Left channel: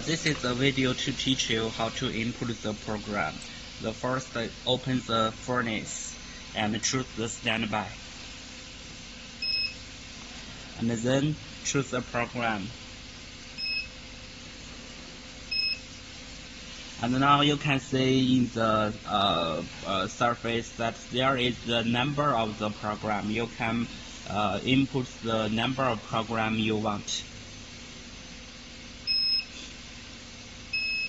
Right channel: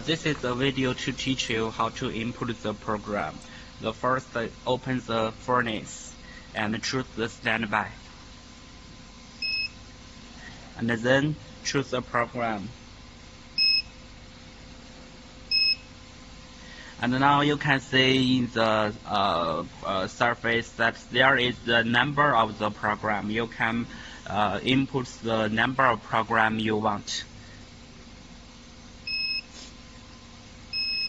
This is a video to teach you how to input the program. The first, open the furnace and choose the standby. And then choose the program. And now you can see in the surface that there is the number of the program. You can input the number of program you want.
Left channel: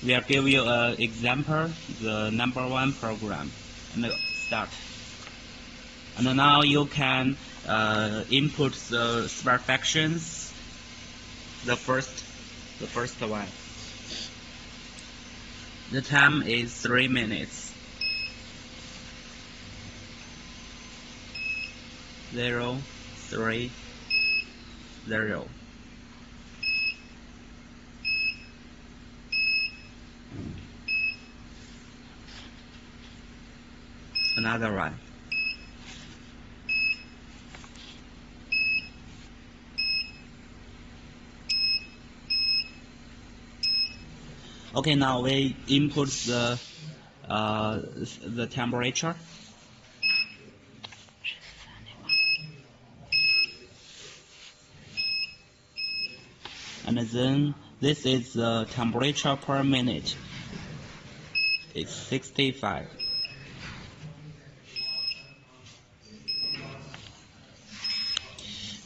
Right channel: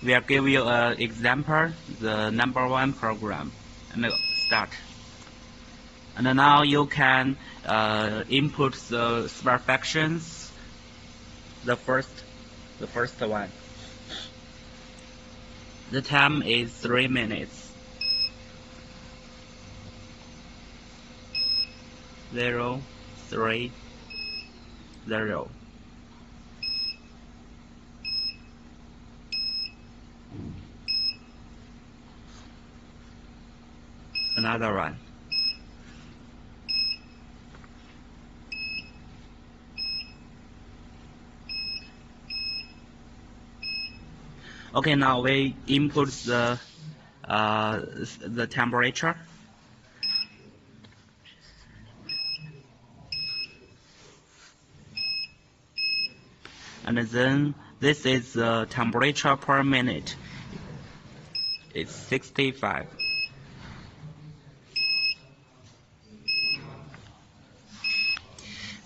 We'll give you an example, the number 1 program, and start. And now you can input the smart functions, the first one. The time is 3 minutes. 0, 3, 0. Another one. Okay, now we input the temperature. And then this is the temperature per minute. It's 65.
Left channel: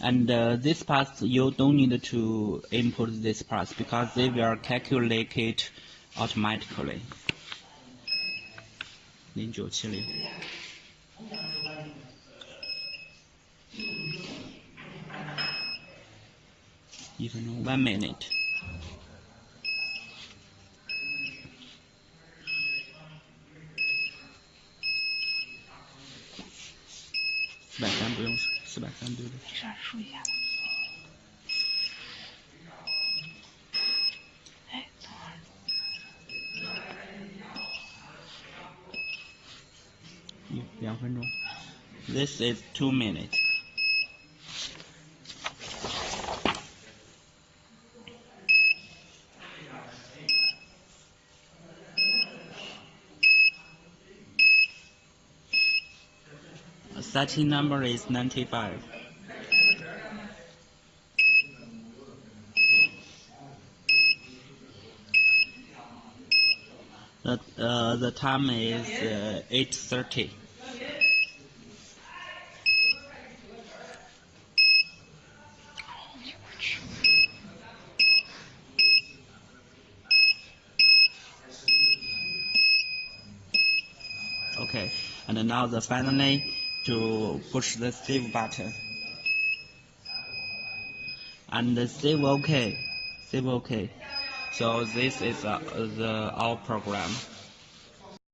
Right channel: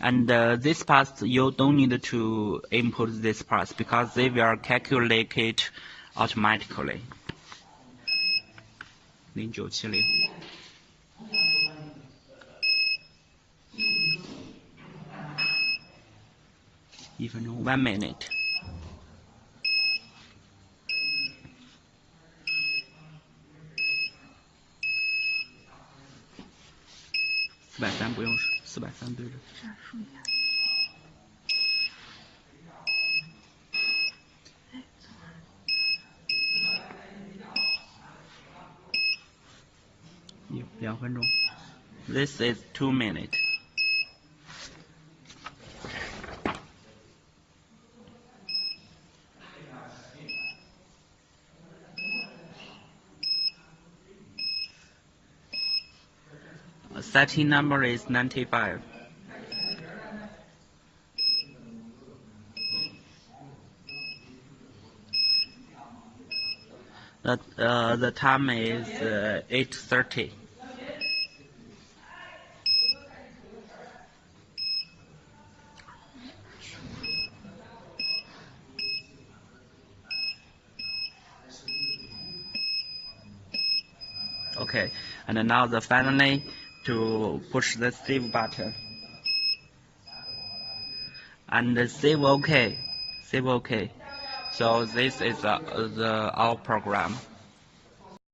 And this part you don't need to input this part because they will calculate it automatically. 0970 1分钟 1 minute. $430不用，430不用。没事，数一下吧。哎，等会儿。2分钟。This is 2 minutes. Setting number is 95. The time is 8:30. Okay, and now finally to push the save button and save OK. So this is our program.